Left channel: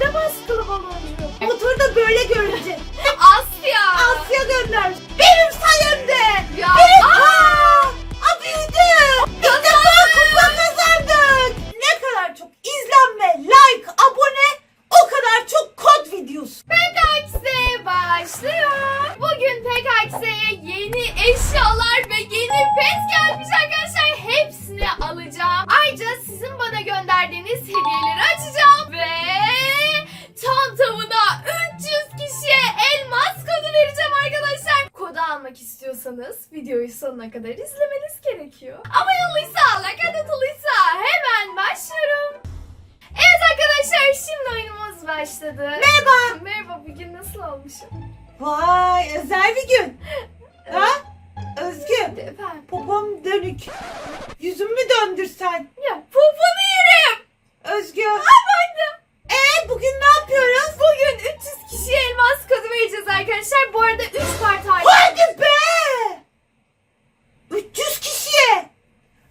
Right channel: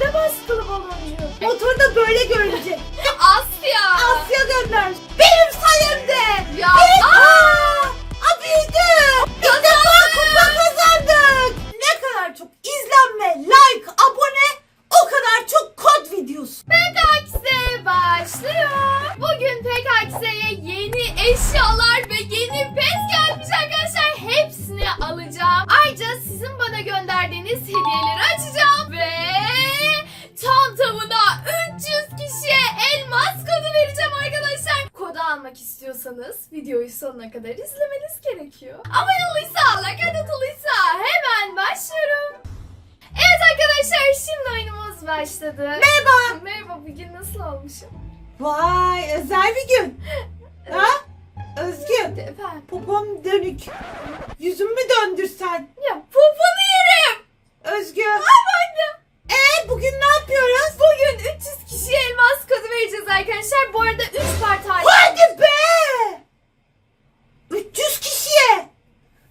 ne baskılı baloncuk? Motorda böyle görünce. Asya. Asya gönder. Başladı. Merhaba. Merhaba bugün nasıl olmuşum? Vay özel bir gün. Ha? Özgü. Efendim. Popom dönük. Yüzümü döndürsen. Ya poponu yerim. Özgü. Efendim. Ee bugün ne yapıyoruz? Bugün 300 kişiye elmas kodu vereceğiz arkadaşlar. Bu arada 3 part hali. Hadi be! 300 kişiye!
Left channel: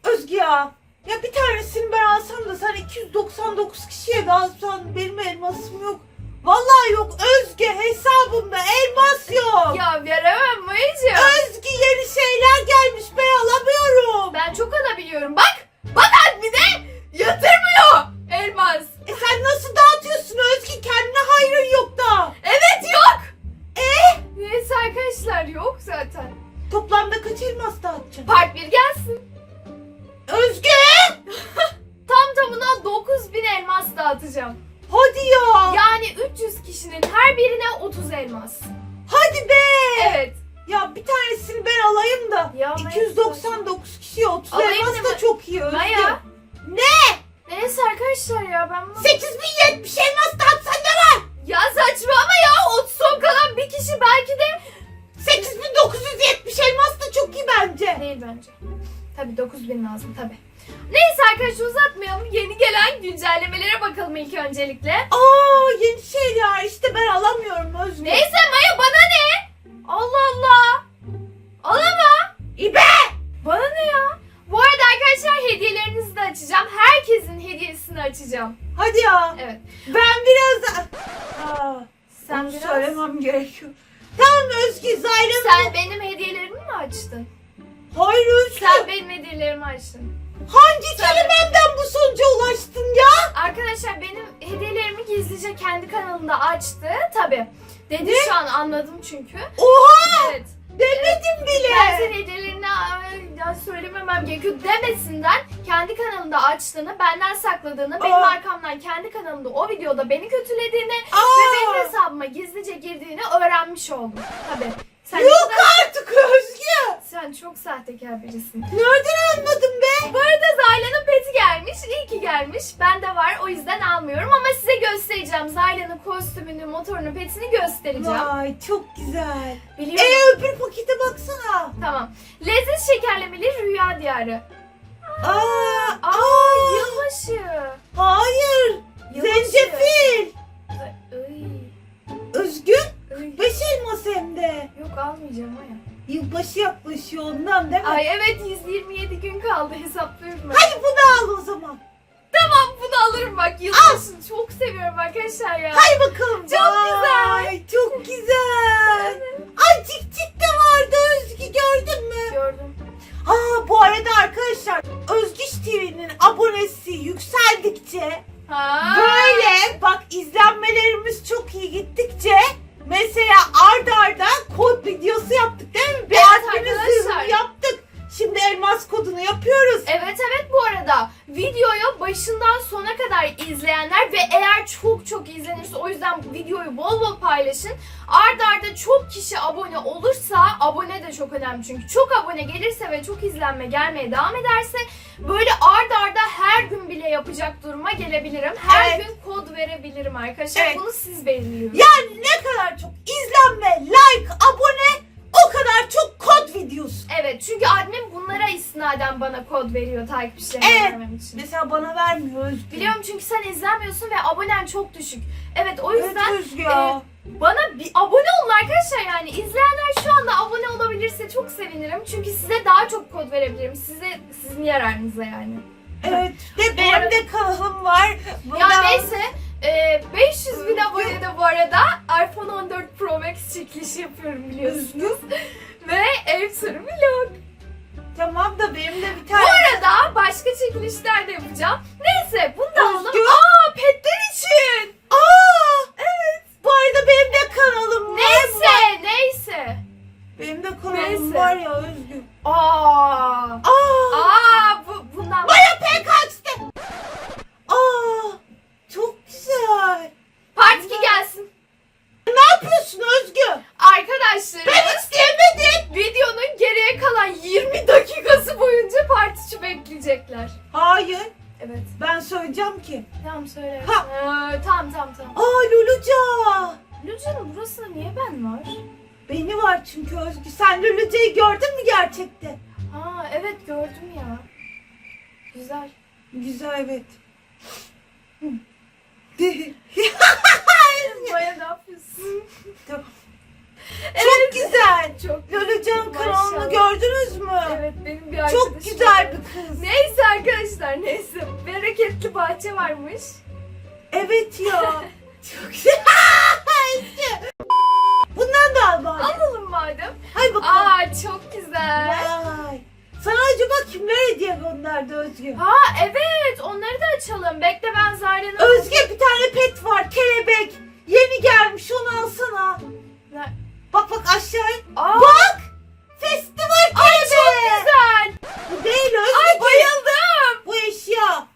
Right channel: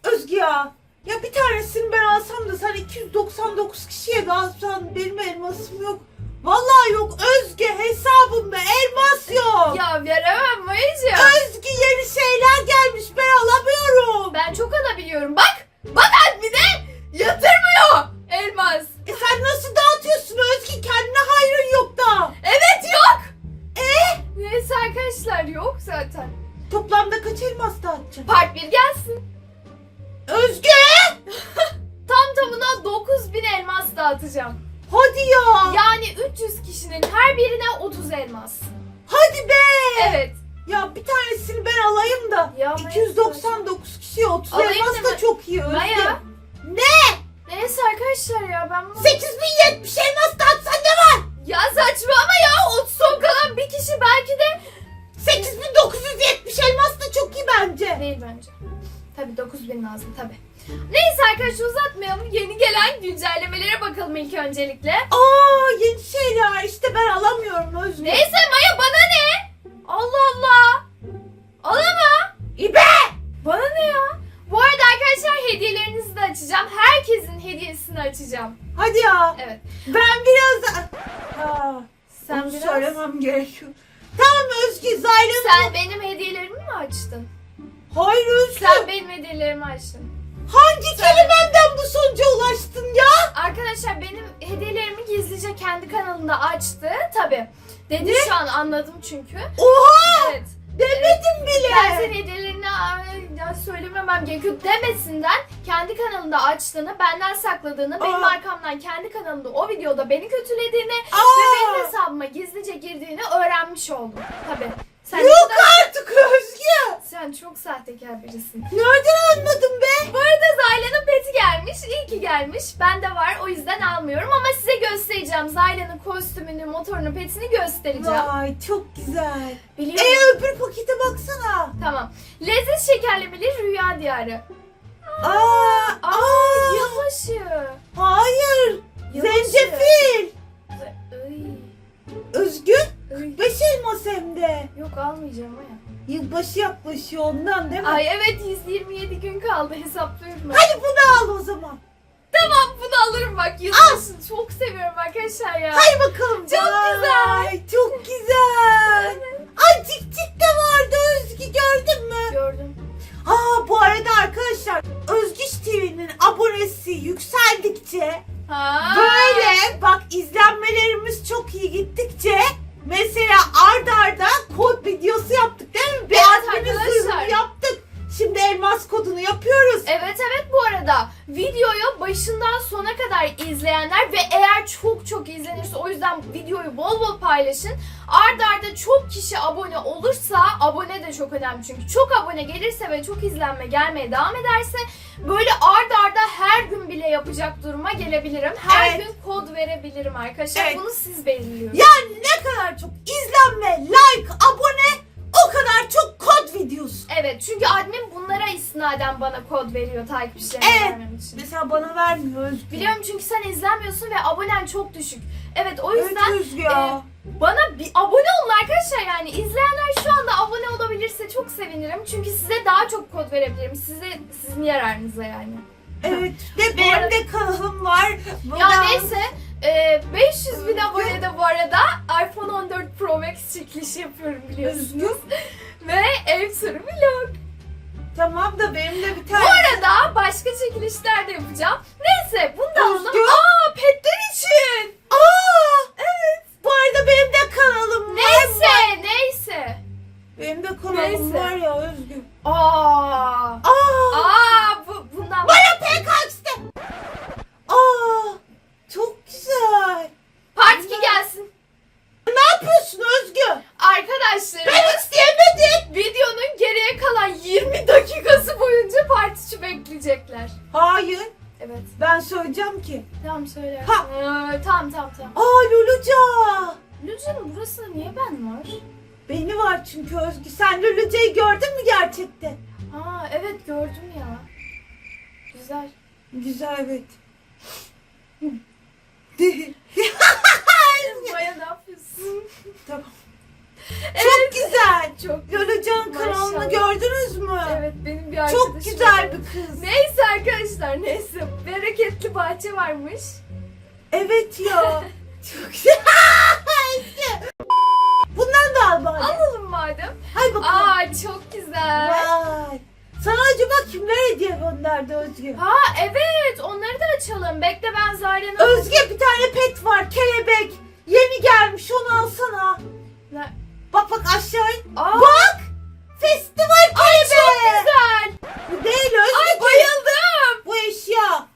Özgü ya. Ya bir tanesini ben alsam da sen 299 kişiye de alsan benim elmasım yok. Vallahi yok Özgü hesabımda elmas yok. Ya veremem Mayıcığım. Özgü yeni şeyler gelmiş ben alamıyorum. Ben çok alabiliyorum. Bak. Bak admine yatırmıyor elmas. E sen nasıl dağıtıyorsun Özgü kendine hayrın yok da. Evet yok. E Neyse arkadaşlar yok zaten. toplamda kaç elmas ben alamıyorum Özgü. Neyse Maya bana ne? Allah Allah. Alama. İbe! Bana ne ya? Bu arada arkadaşlar hediyelerinizi de açacağım. Herkesin hediyesini açacağım. Hadi ya. Evet. Ben biraz... Aa, Sen onu biraz... söylemem gerekiyor. Tamam Özgü Zaylan. Sen benim hediyelerimi mi açtın? Hayır Özgü. Sen benim hediyelerimi açtın. Hangi Sen- kelimenden bu sonuca ulaştın ya? Arkadaşlar benim hediyelerimi gizlice kendi kanalında açtı. Tabi. Dedi Ne? şu an anladım çünkü. Oha! Evet. Demedim bile. Ben senin hediyelerini ay, ya söylememem gerekiyor demesinden kendi kanalında açtığını, benden sakladığını, benim Aa. arkamdan kendi kanalında o videoda beni kötülediğini Aa! ve benim hesabıma gizlice girdiğini öğrenmiş oldum. Tabi. Sen, ne Yok kadar- artık Özgü. Sen çok sahtekar birisin. Nereden anladın be? Bu arada Zayla'nın peti gelmiş. İyi ki gelmiş. Bende var. O yüzden almıyorum ama size göstereceğim. Zayla'nın kostümünü, motorunu, petini göstereceğim. Vay çok güzel. Biliyorum. Ee öbür pakete baksana. Tamam. Lezzet şekerlemeli rüya diyarı. Aa, Aa, aa, yılbaşı. hayır. Yılbaşı. Zencefil. Ay, Özgü. ay. Beş elmas hem de. Yok almayacağım o ya. Yılbaşı yaklaşıyor ondan değil mi? Ay evet 127 gün kaldı hesaplıyorum ben. Hadi bunu al o zaman. Tamam bunu alırım bak yılbaşını çok seviyorum arkadaşlar ya. Hay bakalım. Çok Vay, güzel. Çok güzel. Ay cik cik de vardı Özgü gördün mü? Gördüm. Aa bu arada arkadaşlar Özgüç önemli çünkü çok abone gelirse ve çok izlenme gelmeye devam ederse böyle arda arda her gün bile yapacak duruma gelebilirim. Her Evet. gün kod verebilirim arkadaşlar. Evet. Bunu siz belirliyorsunuz. Yani ne kadar çok izlenme, like, abone o kadar çok kod videosu. Evet çünkü admin bunlara istinaden bana kod veriyor takipçilerime Evet. vermem için. Mesela bana vermiyor Özgü. Biliyorum çünkü sen izlenmiyorsun ve abonen çok düşük. Evet o yüzden Özgü ya. e, bana bir abone olun arkadaşlar yani izleyenler şu anda abone olabilirse çok sevinirim. Çünkü size daha çok kod verebilirim. Size sizin yararınıza yani. Evet. De benim arada... de kanalım var. Buradan... Ya neyse. E, 500 bin abonede bu arada iPhone 14 Pro Max çekilişi yapıyorum biliyorsunuz. Ve ev turu vlog. Tamam da benim de bir tane... Bu arada başka çekilişler de yapacağım. Neyse bunu da alalım. Aa petler için. Aa evet. Bu arada benim de kanalım var. Neyse neyse. Benim de kanalım Neyse. var ya Özgür. Aa. Aa! Aa bu bundan Bana pek açtı. Aa! Çok güzel. part 2 gelsin. Ne yapıyorsun Özgür? Arkadaşlarımız Ben isteyemedim. videonun geriye kalan 20 dakikası boyunca part 3'ü bekleyecekler. Hayır. Evet. Ben söyleyeceğim ki. Tamam söyle. Ha. Ee, tamam tamam tamam. Çünkü Özgür. Sen Luluca'yı gördün mü gerçekten? Aa evet gördüm ya. Güzel. Güzel evet. Maya ne yapıyorsun? Tamam. Evet. Çok güzel. Çok kanalını Maşallah. gördünüz mü? Evet benim bir arkadaşım. Çok güzel bir kız. Neyse arkadaşlar neyse. Bereketli bahçe varmış. Evet ya. Çok güzel. Bundan da al bari. Alalım madem. Hay bakalım. Aa çok güzel. Vay. Sana acaba kimler hediye gönderdi Özge? Ha evet onları da açalım. Bekle ben Zarya'nın... Özge bir tane pet var kelebek. Yeni gelmiş onu alsana. Ne? Bak bak aşağı. Aa, Bak. Festival kelebeği. çok güzel. Bu değil Özge. Ay bayıldım. Bu eşya.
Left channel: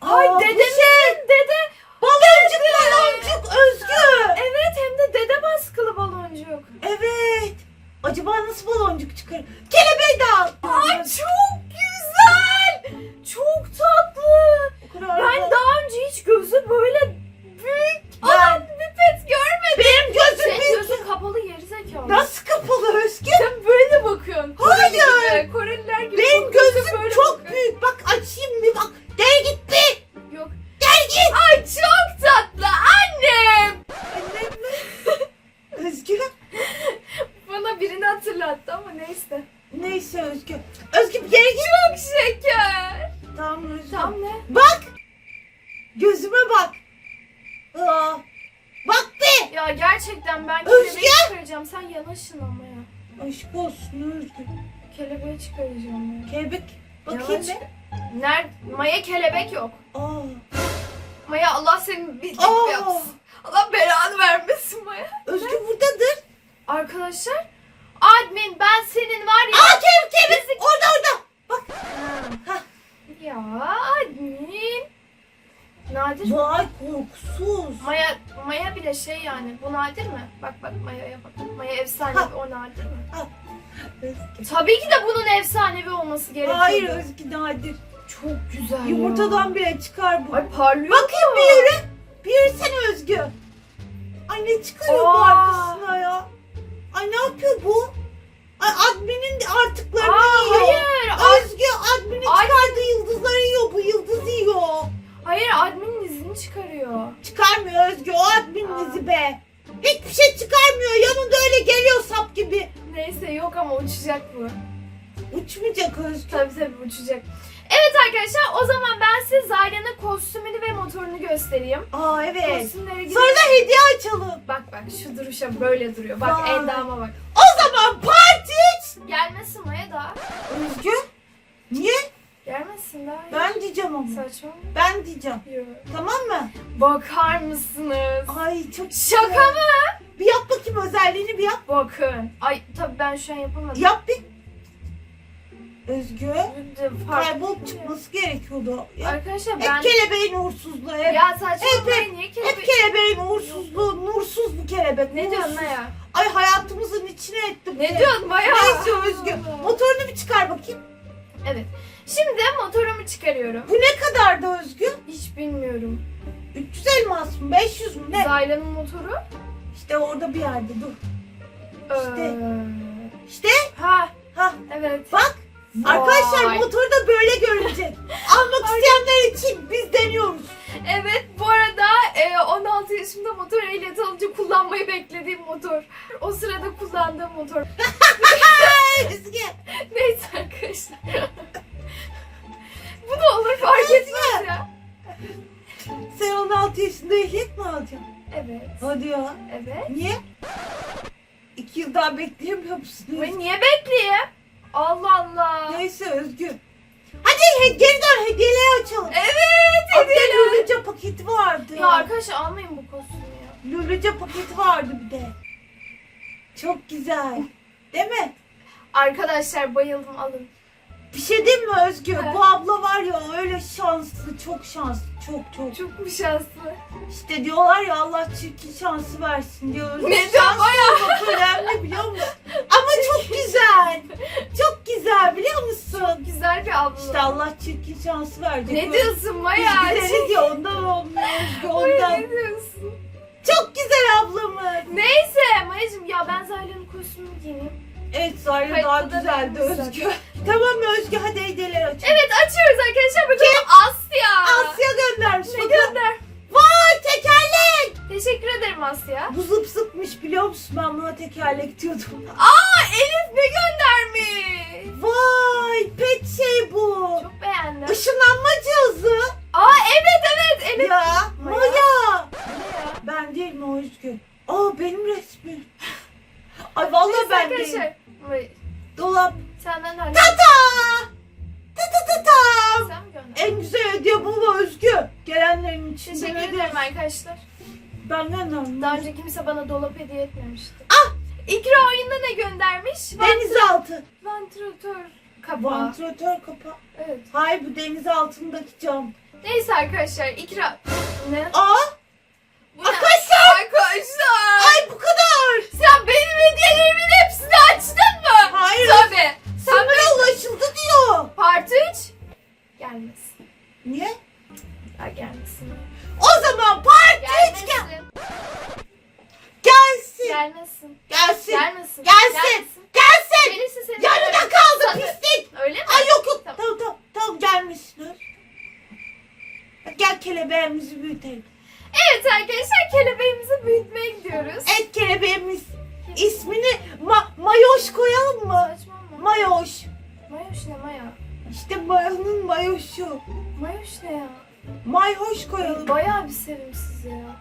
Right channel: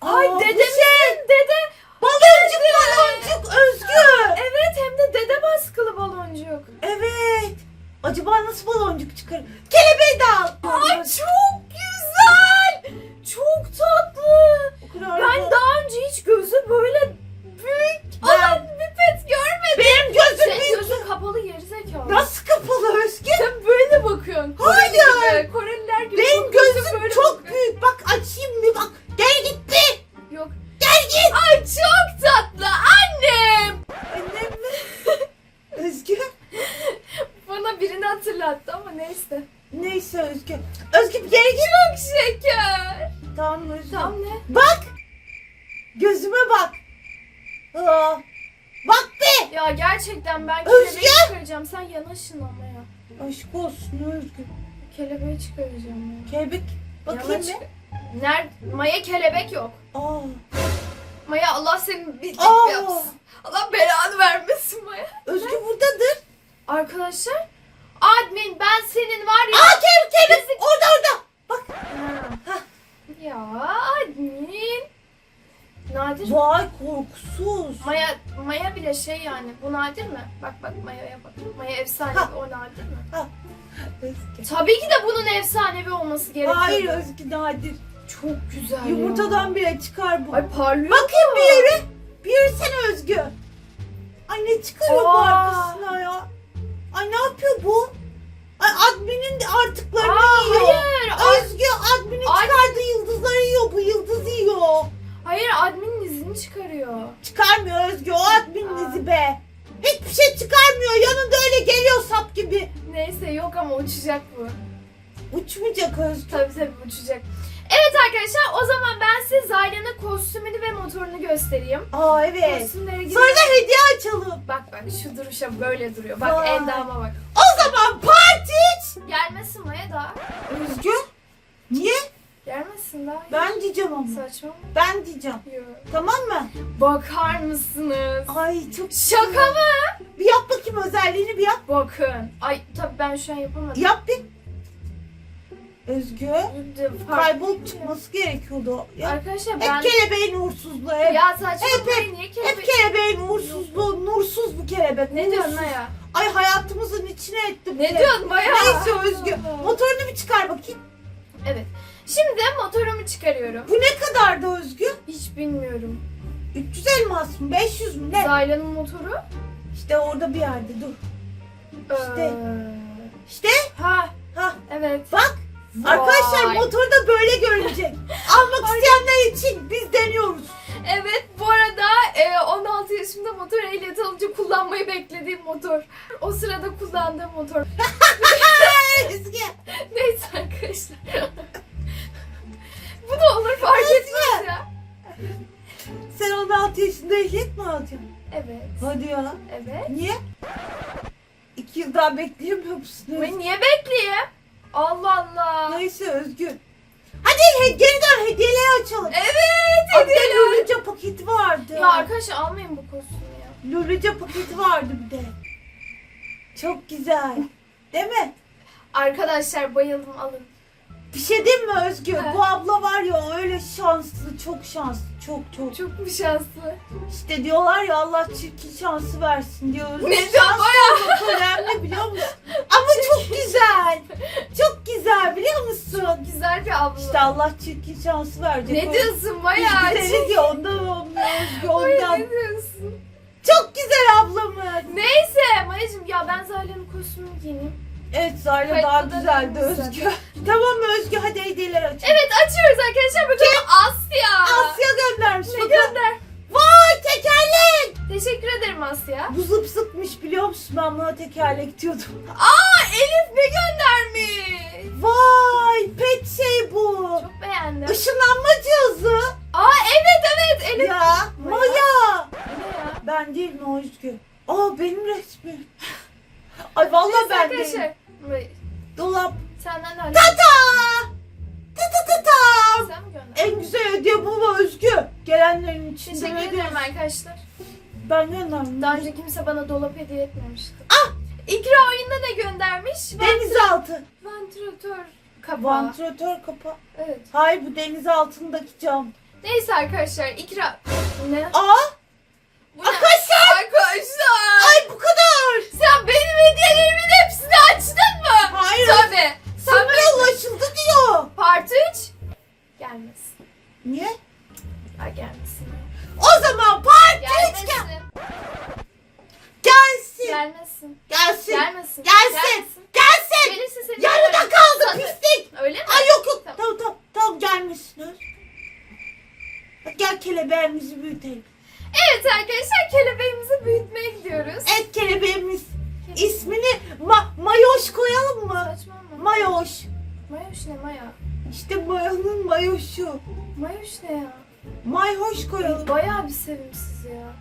Ay Aa, dedemin şey. dede. Baloncuk baloncuk Özgü. Evet hem de dede baskılı baloncuk. Evet. Acaba nasıl baloncuk çıkar? Kelebeği de al. Ay çok güzel. Çok tatlı. Kelebeği çıkaracağım ya. Kelebek. Bakayım ne? Nerede? Maya kelebek yok. Aa. Maya Allah senin bildik Aa. yapsın. Allah belanı vermesin Maya. Özge buradadır. Arkadaşlar. Admin ben senin var ya. Aa kelebek kelebek. Orada orada. Bak. Ha. Ha. Ya admin. Nadir. Vay korkusuz. Maya Maya bile şey yani. Bu nadir mi? Bak bak Maya'ya bak. Maya efsanevi Ha. o nadir mi? Özge. Tabii ki de bunun efsanevi olması gerekiyor. Hayır Özge nadir. Çok güzel Yumurtadan bile çıkar bu. Ay parlıyor Bakayım mu? bir yürü. Bir yürüsene Özgü. Ay ne çıkarıyor bu Aa. arkasına ya? Ay ne yapıyor bu? Ay adminin de artıklarını Aa, yiyor. hayır. Ay, Özgü adminin Ay. çıkardığı yıldızları yiyor. Bu yıldızı yiyor. hayır adminin izini çıkarıyor. Çıkarmıyor Özgü. O adminin Aa. izi be. Hiçbir şey çıkarmıyor. Yanında öyle geliyor sap gibi. Neyse yok ama uçacak bu. Uçmayacak Özgü. Tabii tabii uçacak. Evet arkadaşlar o zaman ben size Zayla'nın kostümünü ve motorunu göstereyim. Aa evet. Kostümlere gidelim. Sonra da hediye açalım. Bak bak şu duruşa böyle duruyor. Bak Vay. endama bak. O zaman parti. Gelmesin Maya daha. Özgü. Niye? Gelmesin daha. Ben diyeceğim ama. Saçma mı? Ben diyeceğim. Yok. Tamam mı? Bakar mısınız? Ay çok Şaka güzel. mı? Bir yap bakayım özelliğini bir yap. Bakın. Ay tabii ben şu an yapamadım. Yap bir. Özgü. Kaybolup çıkması gerekiyordu. Ya, Arkadaşlar hep ben... kelebeğin uğursuzluğu. Hep, Ya saçmalamayın niye hep kelebek... kelebeğin uğursuzluğu. Nursuz bu kelebek. Ne diyorsun nursuz. Maya? Ay hayatımızın içine etti bu Ne diyorsun Maya? Neyse Özgü. Motorunu bir çıkar bakayım. Evet. Şimdi motorumu çıkarıyorum. Bu ne kadardı Özgü? Hiç bilmiyorum. 300 elmas mı? 500 mü? Ne? Zayla'nın motoru. İşte orada bir yerde dur. İşte. Ee, İşte. Ha Ha evet. bak. Vay. Arkadaşlar motor da böyle görünecek. Almak isteyenler için biz deniyoruz. Evet bu arada e, 16 yaşımda motor ehliyeti alınca kullanmayı beklediğim motor. O sırada kullandığım motor. Neyse arkadaşlar. Bu da olur fark etmez ya. Sen 16 yaşında ehliyet mi alacaksın? Evet. Hadi ya. Evet. Niye? İki yıl daha bekleyemiyor musun? Ben niye bekleyeyim? Allah Allah. Neyse Özgü. Hadi he, geri dön hediyeleri açalım. Evet Hatta hediyeler. Luluca paketi vardı. Ya arkadaşlar almayın bu kostümü ya. Luluca paketi vardı bir de. Çok güzel. Değil mi? Arkadaşlar bayıldım alın. Bir şey diyeyim mi Özgür? Bu abla var ya öyle şanslı, çok şanslı, çok çok. Çok mu şanslı? İşte diyorlar ya Allah çirkin şansı versin diyor. Ne diyor baya? çok önemli biliyor musun? Ama çok güzel. Çok güzel biliyor musun? Çok güzel bir abla. İşte Allah çirkin şansı verecek. ne diyorsun baya? Ne diyor ondan olmuyor Özgür Ay, ondan. ne diyorsun? Çok güzel ablamın. Neyse Mayacım Evet Zarya daha da güzeldi Özgür. tamam mı Özgür hadi hediyeler aç. Evet açıyoruz arkadaşlar bakalım Asya. Asya göndermiş. Ne bakalım. gönder? Vay tekerlek. Teşekkür ederim Asya. Bu zıp zıpmış biliyor musun ben buna tekerlek diyordum. Aa Elif ne göndermiş? Vay pet şey bu. Çok beğendim. Işınlanma cihazı. Aa evet evet Elif. Ya Maya. Maya. Ben değil mi o Özgür? Aa benim resmim. Ay vallahi Neyse ben değilim. arkadaşlar. May- Dolap. Senden de Ta ta. Ta ta ta ta. Sen mi gönderdin? En güzel hediye bu mu Özgür? Gelenlerin içinde Teşekkür ederim arkadaşlar. Ben gönderdim. Daha önce kimse bana dolap hediye etmemişti. Ah! İkra oyunda ne göndermiş? Denizaltı. Vantilatör kapağı. Vantilatör kapağı. Evet. Hayır bu deniz altındaki cam. Neyse arkadaşlar ikra... Ne? Aa Bu ne? Arkadaşlar! Arkadaşlar! ay bu kadar. Sen benim hediyelerimin hepsini açtın? Hayır. Tabii. Sen benim... ulaşıldı diyor. Part 3? Gelmesin. Niye? Ya gelmesin. O zaman part Gelmesin. gelsin. Gelmesin. Gelsin. Gelmesin. Gelsin. Gelsin. Gelirse seni Yarıda kaldı pislik. Öyle mi? Ay yok yok. Tamam. Tamam tamam. Tamam. Hadi Gel kelebeğimizi büyütelim. Evet arkadaşlar kelebeğimizi büyütmeye gidiyoruz. Et kelebeğimiz. İsmini ma mayoş koyalım mı? Saçma mı? Mayoş. Mayoş ne maya? İşte mayonun mayoşu. Mayoş ne ya? Mayhoş koyalım. Bayağı bir sevimsiz ya.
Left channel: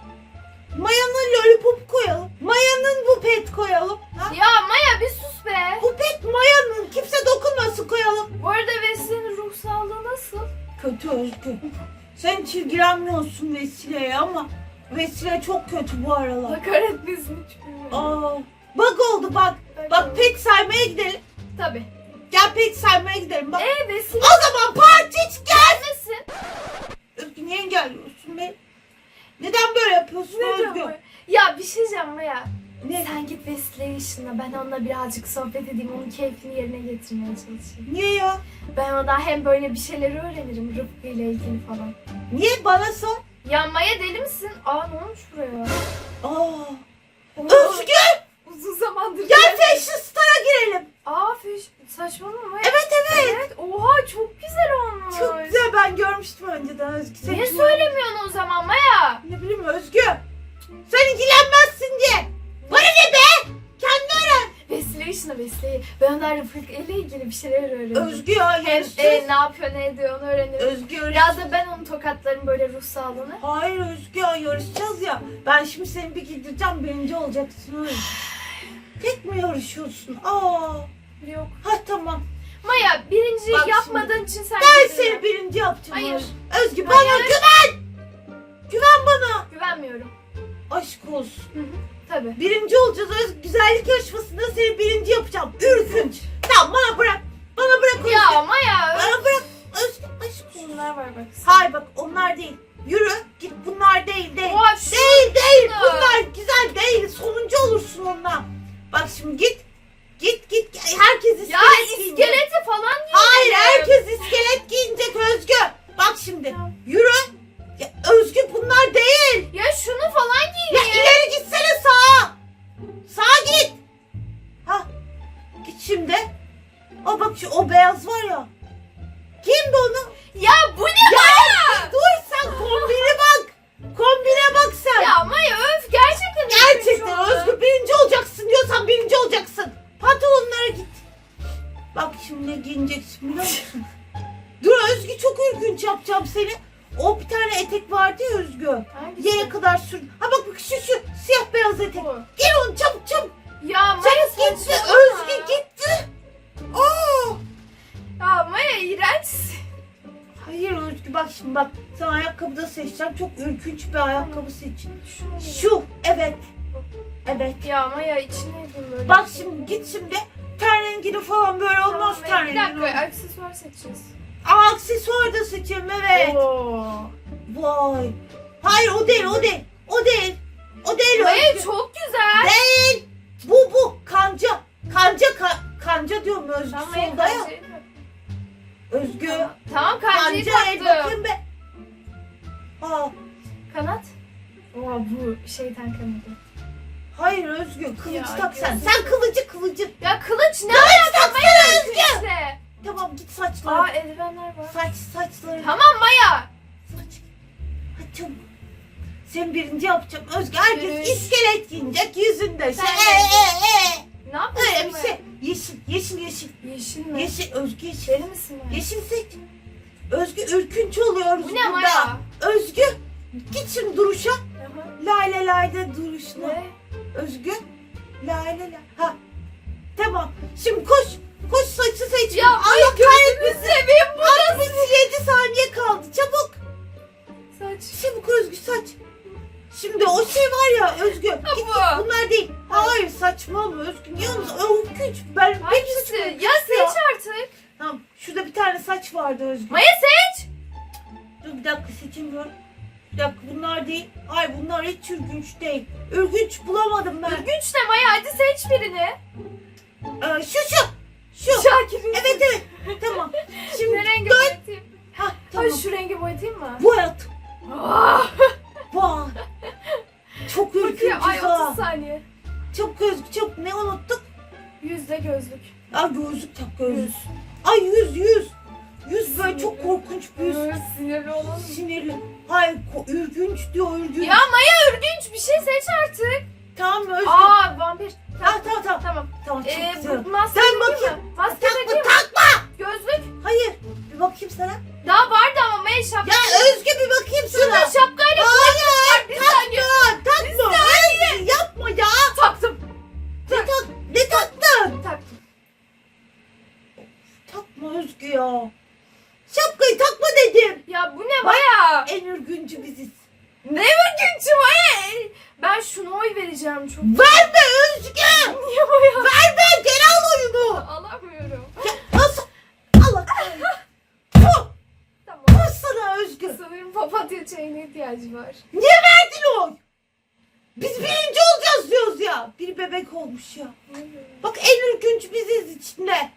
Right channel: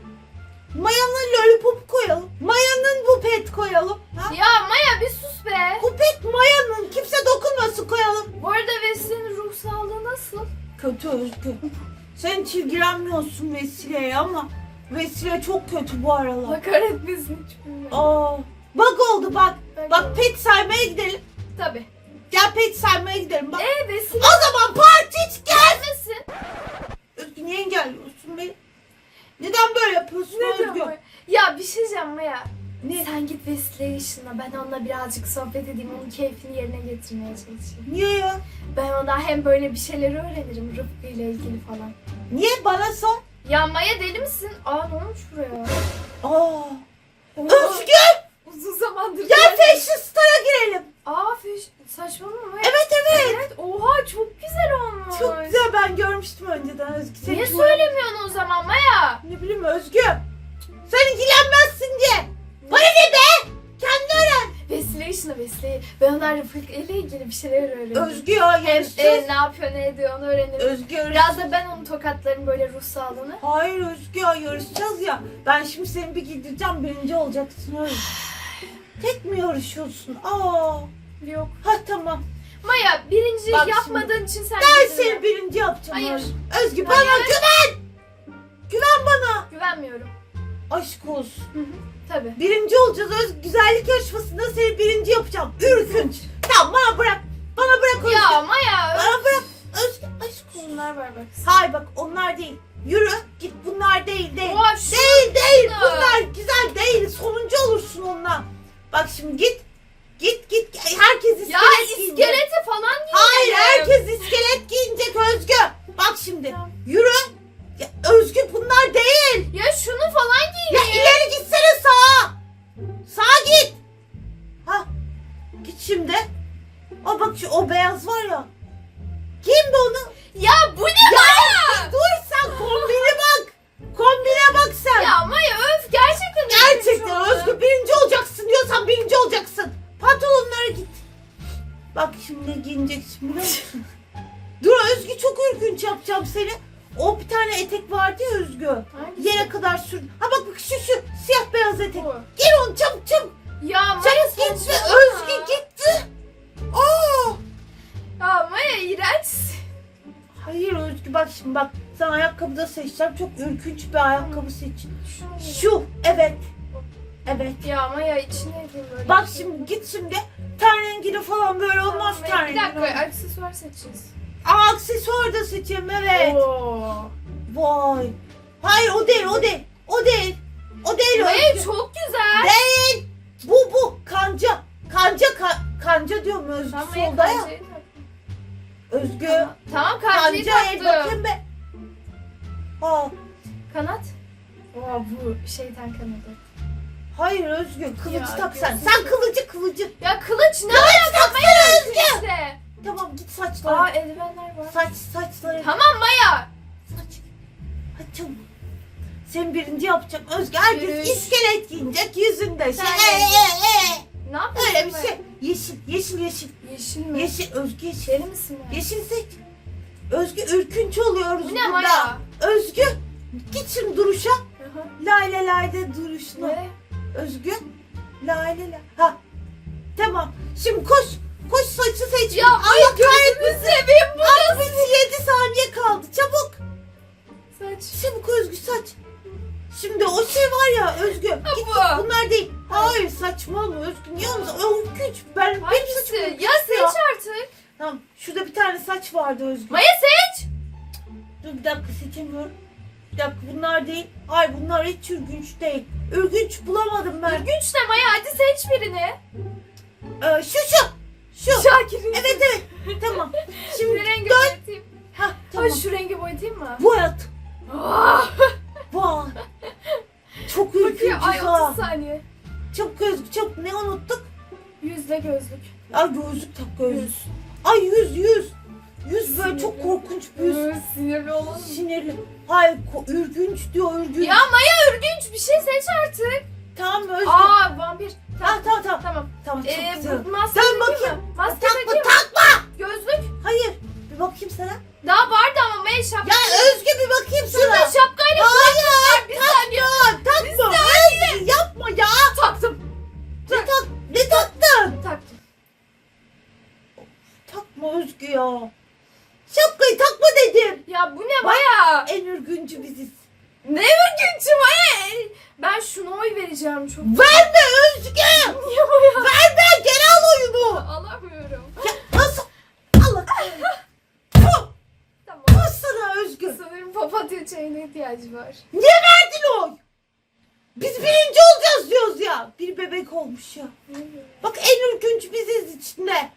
Mayanın lollipop koyalım. Mayanın bu pet koyalım. Ha? Ya Maya bir sus be. Bu pet mayanın kimse dokunmasın koyalım. Bu arada Vesile'nin ruh sağlığı nasıl? Kötü Özgür. Sen hiç ilgilenmiyorsun Vesile'ye ama Vesile çok kötü bu aralar. Allah kahretmesin hiç bilmiyorum. Aa, bak oldu bak. Bak pet saymaya gidelim. Tabii. Gel pet saymaya gidelim. Bak. Ee Vesile O zaman parti hiç gel. gelmesin. Özgür niye engelliyorsun beni? Neden böyle yapıyorsun Neden Özgür? böyle? Ya bir şey diyeceğim Maya. Ne? Sen git Vesile'yi ışınla. Ben onunla birazcık sohbet edeyim. Onun keyfini yerine getirmeye çalışayım. Niye ya? Ben ona hem böyle bir şeyleri öğrenirim Rıfkı ile ilgili falan. Niye bana sor? Ya Maya deli misin? Aa ne olmuş buraya? Aa. Özgür Uzun zamandır gel gelmedim. Fashion Star'a girelim. Aa fiş saçmalama Maya. Evet evet. Evet. Oha çok güzel olmuş. Çok güzel ben görmüştüm önceden Özgür. Sen Niye hiç- söylemiyorsun o zaman Maya? Ne bileyim Özgür. Sen ilgilenmezsin diye. Bana ne be? Öğren. İşine Vesile. Ben ondan Rıfkı ile ilgili bir şeyler öğrenirim. Özgür ya Hem e, ne yapıyor ne ediyor onu öğrenirim. Özgür Biraz da ben onu tokatlarım böyle ruh sağlığını. Hayır Özgür ya yarışacağız ya. Ben şimdi seni bir giydireceğim birinci olacaksın öyle. Tek mi yarışıyorsun? Aa. Yok. Ha tamam. Maya birinci Bak yapmadığın için sen Ben getirdin. seni birinci yapacağım. Hayır. Özgür. Özgür bana Hayır. güven. Güven bana. Güvenmiyorum. Aşk olsun. Hı hı. Tabii. Birinci olacağız Özgür. Güzellik yarışmasında seni birinci yapacağım. Ürkünç. Bir ayakkabı seç. Şu evet. Evet. Ya Maya içine edeyim böyle. Bak şey. şimdi git şimdi ten rengini falan böyle Tamam, olmaz Maya, ten Bir dakika rengini. aksesuar seçeceğiz. Ama aksesuar da seçeyim evet. Oo. Vay. Hayır o değil o değil. O değil. O değil Maya Özgü. çok güzel. Değil. Bu bu kanca. Kanca ka- kanca diyorum Özgü Tamam solda ya. Özgü. Tamam, Tamam kancayı Kanca taktım. bakayım be. Aa, Kanat. Oo bu şeytan kanadı. hayır Özgü kılıcı Ya, tak sen. Sen kılıcı kılıcı. Ya kılıç ne alaka Maya işte. Tamam git saçlara. Aa eldivenler var. Saç saçları. Tamam Maya. Saç. Hadi çabuk. Sen birinci yapacağım. Özgü herkes Yürüyüş. iskelet giyinecek yüzünde. Sen Sen de. ee, ee, ee. Ne yapıyorsun Öyle bir Maya? şey. Yeşil yeşil yeşil. Yeşil mi? Yeşil Özgü yeşil. Deli misin Maya? Yeşil seç. Özgü ürkünç oluyoruz Bu ne burada. Maya? Özgü git şimdi duruşa. Layla layda duruşuna. Ne? Özgü. Layla la. Ha. Tamam. Şimdi koş. Koş saçı seç. Ya Maya gözünü seveyim bu Ay bu 7 saniye kaldı. Çabuk. saç. Çabuk Özgü saç. Şimdi o şey var ya Özgü. Ha, Git, bu. git, bunlar değil. Hayır saçmalama Özgü. Niye olmuş? Ürkünç. Ben benim Hangisi? Ya ürkünç seç artık. Tamam. Şurada bir tane saç vardı Özgü. Maya seç. Dur bir dakika seçemiyorum. Bir dakika bunlar değil. Ay bunlar hiç ürgünç değil. Ürgünç bulamadım ben. Ürgünç de Maya hadi seç birini. Ee, şu şu. Şu. Şakir'in. Evet evet. tamam. Şimdi Ne rengi dön. boyatayım? Ha Ay tamam. şu rengi boyatayım mı? Bu hayat. Ah, Vay. Çok ürkünç ay ha. 30 saniye. Çabuk Özgü çabuk. Ne unuttuk? Yüzde gözlük. Ay gözlük tak gözlük. Yüz. Ay yüz yüz. Yüz böyle çok korkunç bir yüz. Yüz. Sinirli olalım. Sinirli. Ko- ürgünç diyor ürgünç. Ya Maya ürgünç bir şey seç artık. Tamam Özgü. Aa vampir. Ha, tamam tamam. Tamam. Tamam çok Ee, bu maske Sen takayım bakayım. mı? Maske Takma takayım mı? takma. Gözlük. Hayır. Bir bakayım sana. Daha vardı ama Maya şapka. Ya Özgü bir bakayım sana. Şurada şapkayla Hayır. bir saniye. Takma. Özgü yapma ya. Taktım. Ne, tak, ne taktın? Taktım. Takma Özgü ya. Ya bu ne Maya? En ürgüncü biziz. Ne ürgünçü Maya? Ben şuna oy vereceğim çok. Verme Özgü. Niye Maya? Verme. Gel al oyunu. Alamıyorum. Ya, nasıl? Allah. Tamam. puh sana Özgü. Sanırım papatya çayına ihtiyacı var. Niye verdin oy? Biz birinci olacağız diyoruz ya. Bir bebek olmuş ya. Bak en ürkünç biziz içinde.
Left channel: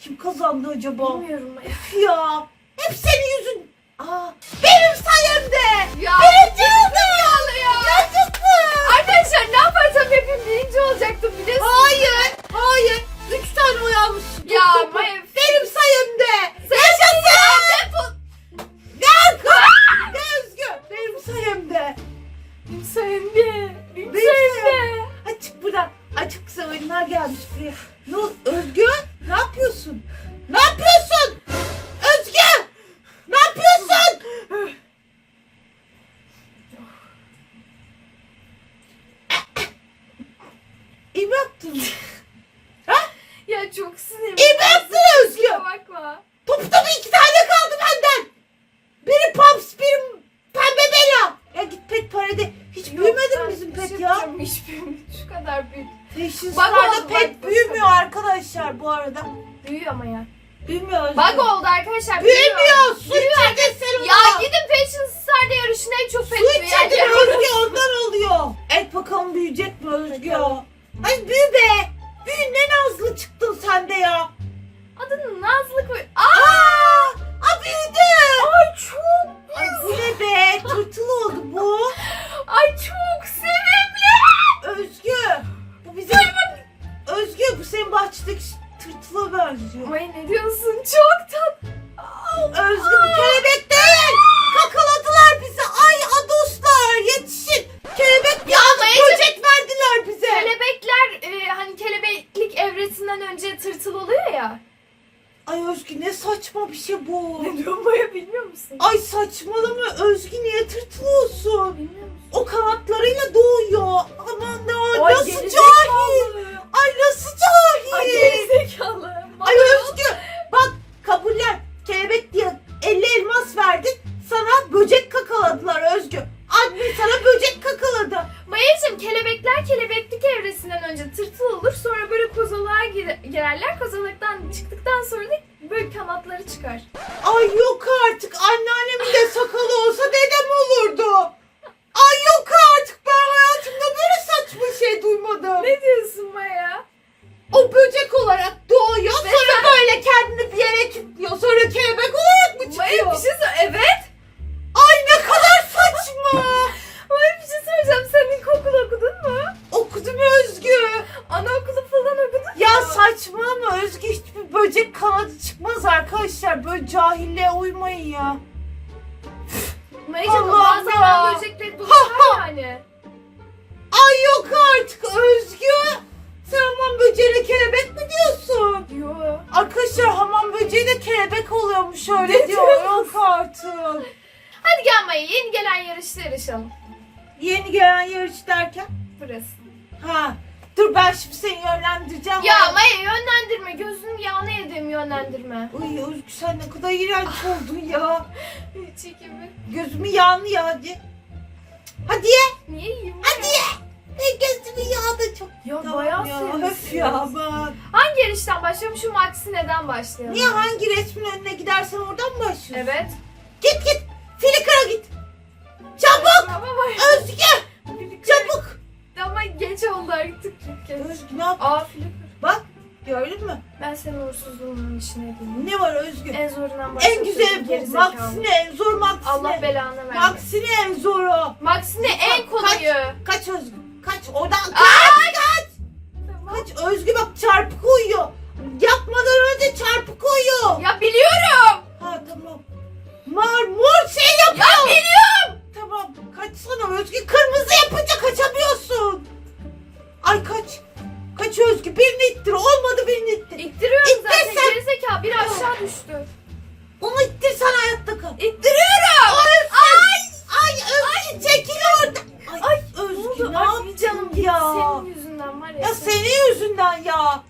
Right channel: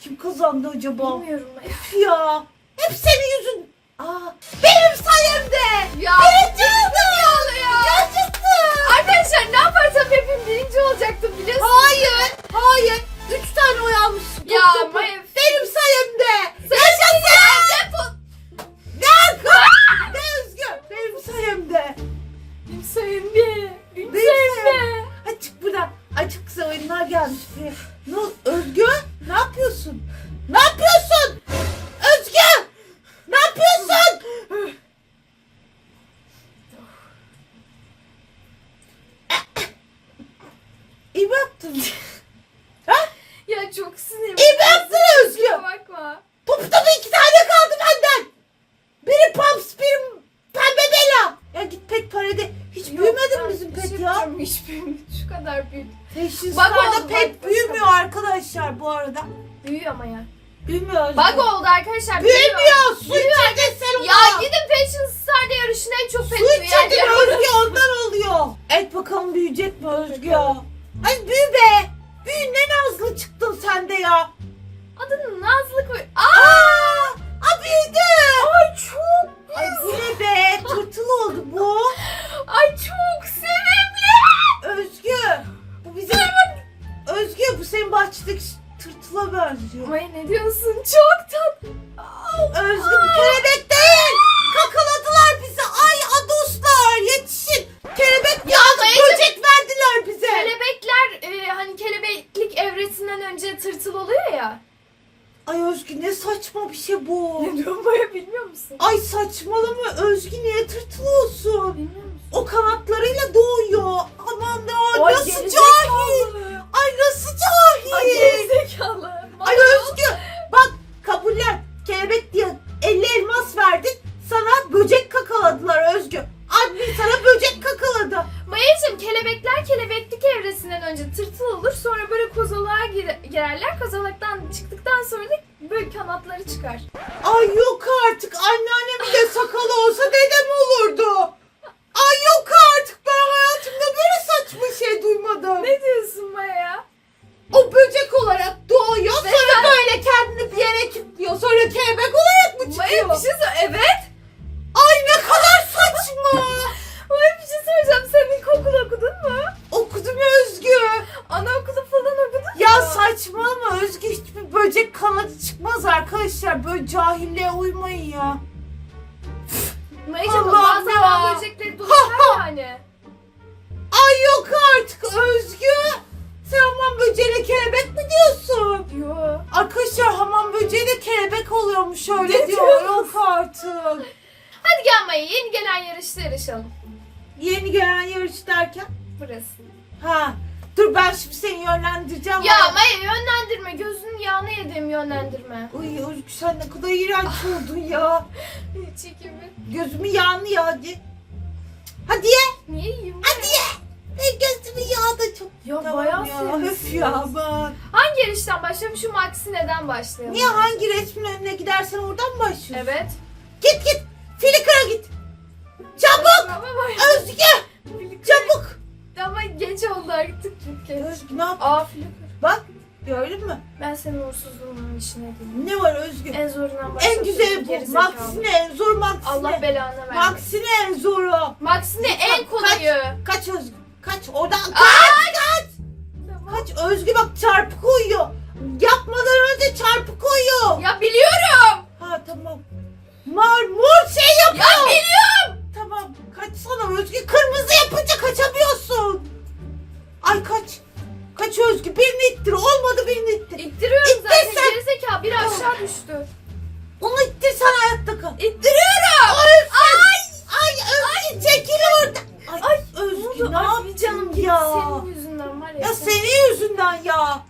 Kim kazandı acaba? Bilmiyorum Maya. Ya. Hep senin yüzün. Aa, benim sayemde. Ya Birinci oldum. Ya. Gerçekten. Arkadaşlar ne yaparsam yapayım birinci olacaktım biliyorsun. Hayır. Hayır. Üç tane oy almışsın. Ya. Maya. Benim sayemde. Sen ya defol. Gel kız. Ne Özgür. Benim sayemde. Benim sayemde. Benim Benim sayemde. Açık buradan. Açık kısa oyunlar gelmiş buraya. Böcek kanadı çıkmaz arkadaşlar. Böyle cahilliğe uymayın ya. Mayacım Allah'ım bazı ya. böcekleri dolaşır yani. Ay yok artık Özgü. Sen hamam böceğiyle kelebek mi diyorsun? Yo. Arkadaşlar hamam böceği de kelebek oluyormuş öyle Ne diyor. Yok artık. Hadi gel Maya yeni gelen yarışta yarışalım. Yeni gelen yarış derken? Burası. Ha. Dur ben şimdi seni yönlendireceğim. Ya Ay- Maya yönlendirme. Gözünün yağını yediğim yönlendirme. Ay Özgü sen ne kadar iğrenç oldun ya. Çekimi. Gözümü yağını ya hadi. Hadi ye. Niye yiyeyim? Hadi ye. Ne gözümü yağdı çok. Ya bayağı ya. sevmişsin. Ya ben. Hangi yarıştan başlayalım? Şu Maxine'den başlayalım. Niye hangi resmin önüne gidersen oradan mı başlıyorsun? Evet. Git git. Flickr'a git. Çabuk. Özgü. Geç oldu artık Flickr. Özgü ne yap? Aa Flickr. Bak gördün mü? Ben senin uğursuzluğunun içine değilim. Ne var Özgü? En zorundan başlasın. En güzeli bu. Maxine en zor Maxine. Allah belanı vermesin. Maxine en zoru. Maxine en kolayı. Kaç Özgü. Kaç oradan. Kaç. Kaç. Tamam. Kaç Özgü bak çarpı koyuyor. Yapmadan önce çarpı koyuyor. Ya biliyorum. Ha tamam. Mor mor şey Ya yapıyor. biliyorum. Tamam kaçsana Özgü. Kırmızı yapınca kaçamıyorsun. Ay kaç. Kaç Özgü. Birini ittir. Olmadı birini ittir. İttiriyorum İttir zaten sen. gerizekalı. Biri aşağı düştü. Onu ittir sen hayatta kal. İttiriyorum. Ay. Ay Özgü çekil orada. Ay, Ay, Özgü ne, Ay yaptın canım ya? Senin yüzünden var ya. Ya sen- senin yüzünden ya.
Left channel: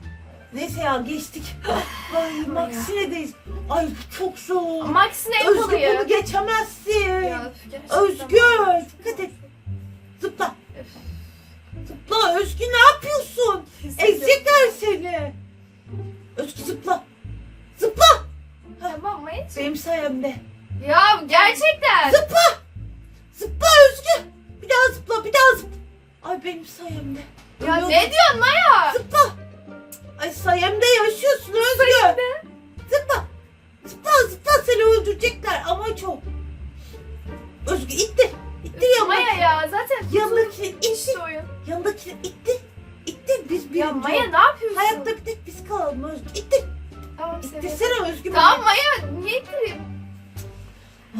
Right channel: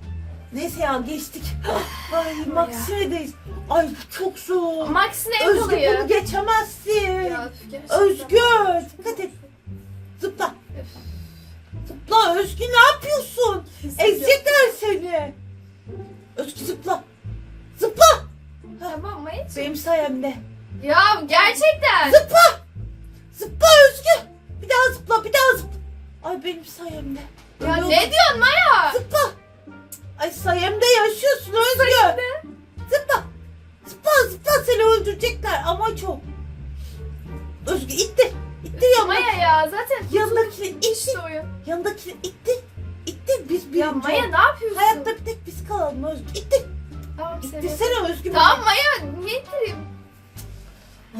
Neyse ya geçtik. Ay Maxine'deyiz. Ay çok zor. Maxine en Özgü bunu geçemezsin. Ya. Özgür, dikkat et. Zıpla. Özgü ne yapıyorsun? Ezecekler seni. Özgü zıpla. Zıpla. Tamam mı hiç? Benim sayemde. Ya gerçekten. Zıpla. Zıpla Özgü. Bir daha zıpla bir daha zıpla. Ay benim sayemde. Ya Öyle ne diyorsun Maya? Zıpla. Ay sayemde yaşıyorsun Özgü. Sayemde. Zıpla. Zıpla zıpla seni öldürecekler ama çok. Özgü ittir. İttir yanındaki. Maya ya zaten Yanındakini ittir. işte oyun. Yanındakini ittir. İttir biz birinci Ya Maya ne yapıyorsun? Hayatta bir tek biz kalalım Özgü. İttir. Tamam seviyorum. İttirsene Özgü. Tamam Maya niye ittireyim?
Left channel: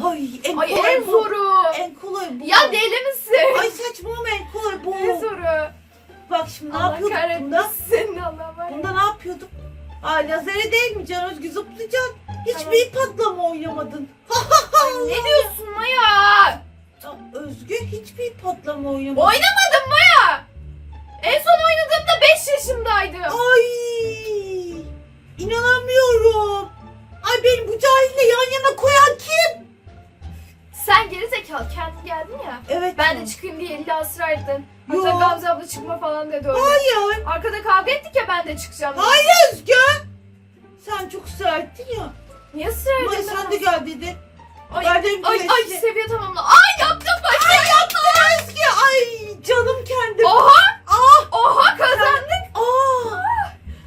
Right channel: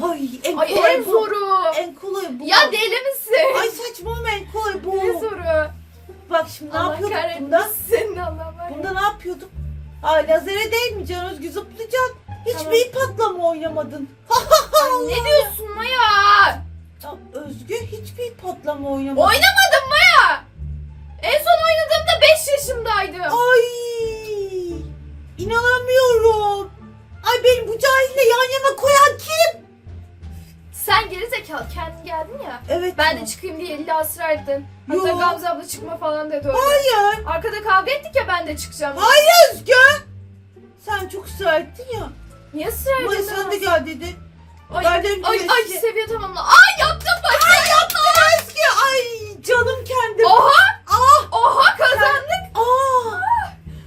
Ay en Ay kolay en bu. zoru. En kolay bu. Ya deli misin? Ay saçmalama en kolay bu. En zoru. Bak şimdi ne Allah yapıyorduk bunda? kahretmesin Allah var ya. Bunda ne yapıyorduk? Ay lazere değil mi Can Özgü zıplayacaksın. Hiçbir Tamam. patlama oynamadın. Ay ne diyorsun Maya? Ya Özgü hiçbir patlama oynamadın. Oynamadım Maya. En son oynadığımda 5 yaşındaydım. Ay inanamıyorum. Ay beni bu cahille yan yana koyan kim? Sen gerizekalı kendin geldin ya. Evet. Ben de çıkayım diye illa ısrar ettin. Hatta Yo. Gamze abla çıkma falan dedi öyle. Hayır. Arkada kavga ettik ya ben de çıkacağım. Hayır Özgü. Sen çok ısrar ettin ya. Niye ısrar Maya ediyorsun? sen de gel dedi. Ay, Verdim ay, ay seviye tamamla. Ay yaptım bak. Ay yapma Özgü. Ay canım kendim. Oha. Ah. Oha kazandık. Aa.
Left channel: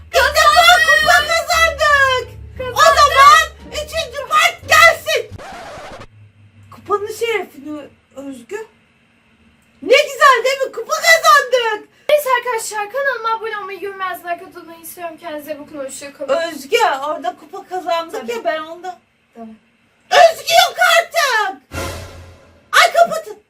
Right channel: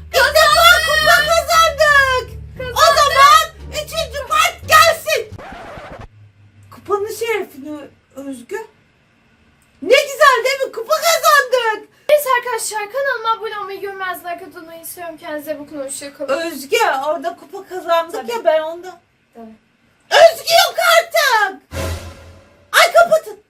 İlk defa kupa kazandık. O zaman üçüncü part gelsin. Kupanın şerefini Özgü. Ne güzel değil mi? Kupa kazandık. Neyse arkadaşlar kanalıma abone olmayı, görmez like atmayı istiyorum. Kendinize bakın. Hoşçakalın. Özgü orada kupa kazandık Tabii. ya ben onda. Tabii. Özgü yok artık.